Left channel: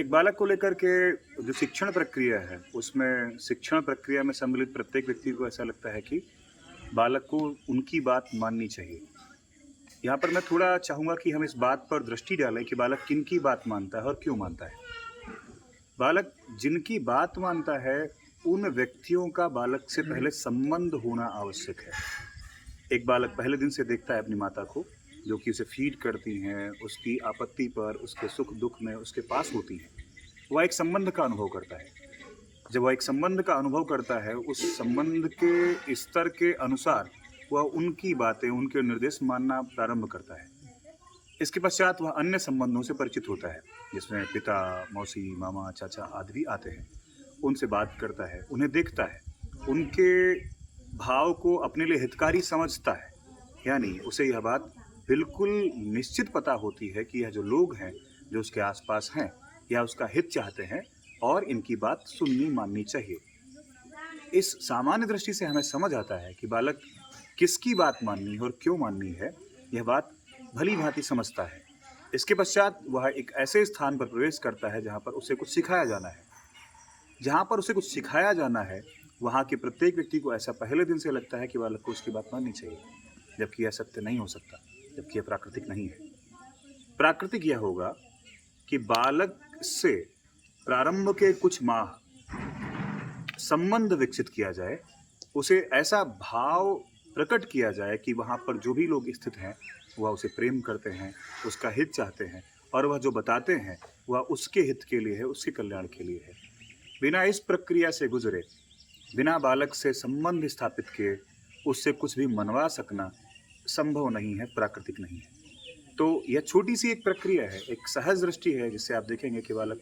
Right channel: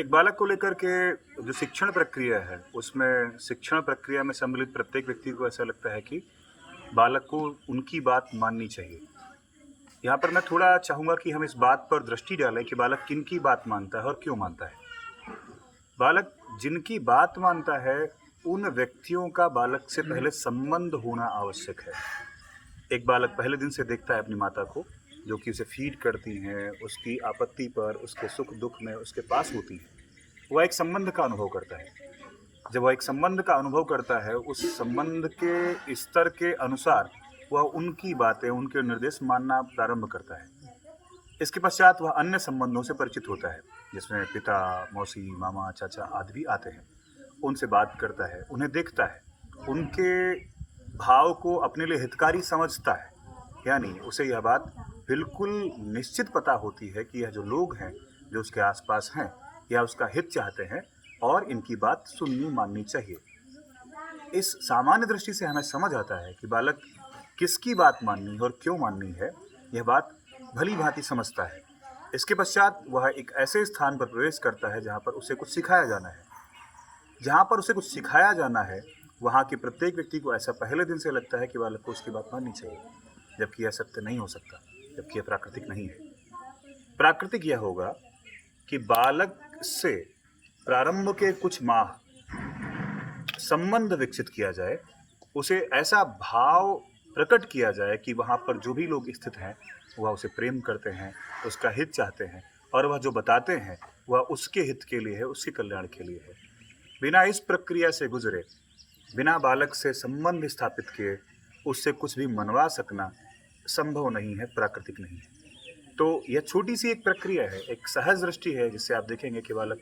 एक बालक को लेकर के जो शिक्षण प्रक्रिया है, उसमें शिक्षण प्रक्रिया में सम्मिलित प्रत्येक व्यक्ति को ऐसा लगता है कि बालक को उनकी बात माननी चाहिए। यहाँ पर मैं थोड़ा चाहूँगा कि हम इस बात पर दृष्टि डालें कि बालक किनकी बात मानता है और क्यों मानता है। बालक जिनकी बात मानता है, उन व्यक्तियों का बालक से पहले संबंध होना आवश्यक है। एक बालक पहले दिन से देखता है अपनी माता को, जो कि उसे फ़ीड करती हैं, उसकी आपत्ति पर, उसके सुख-दुःख में उसके पास होती हैं। वह एक संबंध का अनुभव करता है। जब वह एक संबंध का अनुभव करता है, उस संबंध के स्तर के अनुसार वह उनकी बातें, उनके निर्देश मानना प्रारंभ करता है। इसके पश्चात वह अन्य संबंधों से परिचित होता है, जिसमें पिता, मौसी, मामा, चाचा आदि भी आते हैं। उनसे बात करता है, उन्हें देखता है, उनके भाव को अपने लिए हितकारी समझता है। यानी उसे यह बात बिल्कुल निश्चित पता होती है कि यह जो लोग हैं, जो उसके आस-पास हैं, या उसका हित चाहते हैं और इनकी बात सुननी माननी चाहिए। इस सामान्य दृष्टि से हमें समझ आता है कि बालक किसकी बात माननी है और क्यों माननी है, यह बात भली-भाँति समझता है। इसके पश्चात वह एक ऐसे स्थान पर प्रवेश करता है जहाँ पर उसे कुछ सिखाया जाना है। जहाँ पर उसे कुछ सिखाया जाना है, वहाँ के प्रत्येक व्यक्ति को ऐसा पहले दिन से लगता है कि बालक को उसकी बात माननी चाहिए, जबकि यह सत्य नहीं हो सकता, जबकि यह प्राकृतिक नहीं है। प्राकृतिक यह होगा कि बालक से प्रारंभ के कुछ माह संबंध विकसित किया जाए, उसे ऐसा भाव प्रकट किया जाए कि वहाँ पर जो भी लोग स्थित हैं, वह उसे प्रेम करते हैं, उसका हित चाहते हैं और वह जो बताते हैं, वह उसके हित के लिए है, उसके कल्याण के लिए है। बिना इस प्रक्रिया से गुज़रे, बिना बालक से संबंध स्थापित किए, उससे कुछ भी मनवा सकना संभव नहीं है, प्राकृतिक नहीं है। तो यह छोटी-सी एक प्रक्रिया है, एक सहज दृष्टि है जिससे आप देखेंगे कि बालक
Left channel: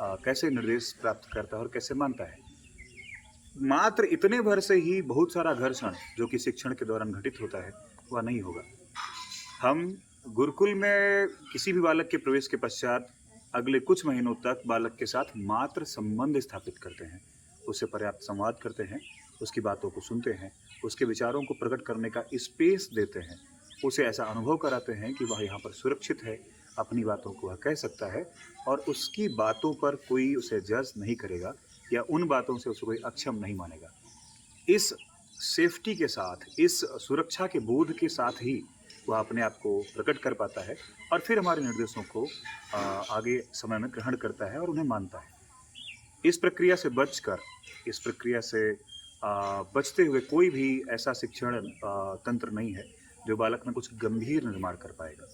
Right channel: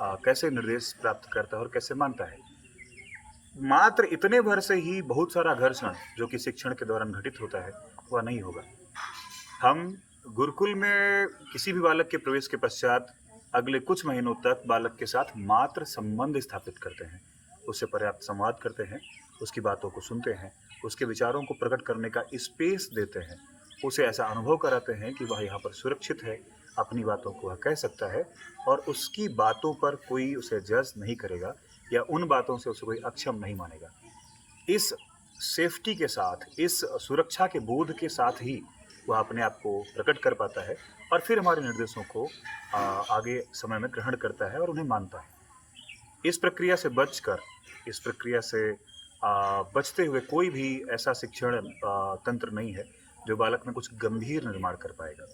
कैसे निर्देश प्राप्त करता है और कैसे मानता है। मात्र इतने भर से ही बहुत सारा घर्षण जो कि शिक्षण के दौरान घटित होता है, वह नहीं होगा। हम गुरुकुल में किसी भी बालक के प्रवेश के पश्चात अगले कुछ महीनों तक बालक के साथ मात्र संबंध स्थापित करते हैं। उससे पर्याप्त संवाद करते हैं, उसकी बातों को सुनते हैं, उसके विचारों को प्रकट करने का स्पेस देते हैं। उसे ऐसा अनुभव कराते हैं कि वह यहाँ पर सुरक्षित है, अपनी बातों को वह कह सकता है और उसकी बातों पर कोई उसे जज नहीं करेगा या उन बातों से उसे कोई अक्षम नहीं मानेगा। इस सेफ्टी के साथ, इस सुरक्षा के बोध के साथ ही वह अपने आप को प्रकट कर पाता है और फिर हमारे निर्देशों को आगे समय में ग्रहण करता है और उन्हें मानता है। इस प्रक्रिया से बचकर, इस प्रक्रिया से बचते हुए कोई भी ऐसा शिक्षण तंत्र नहीं है, जो बालक में कुछ गंभीर निर्माण कर पाएगा।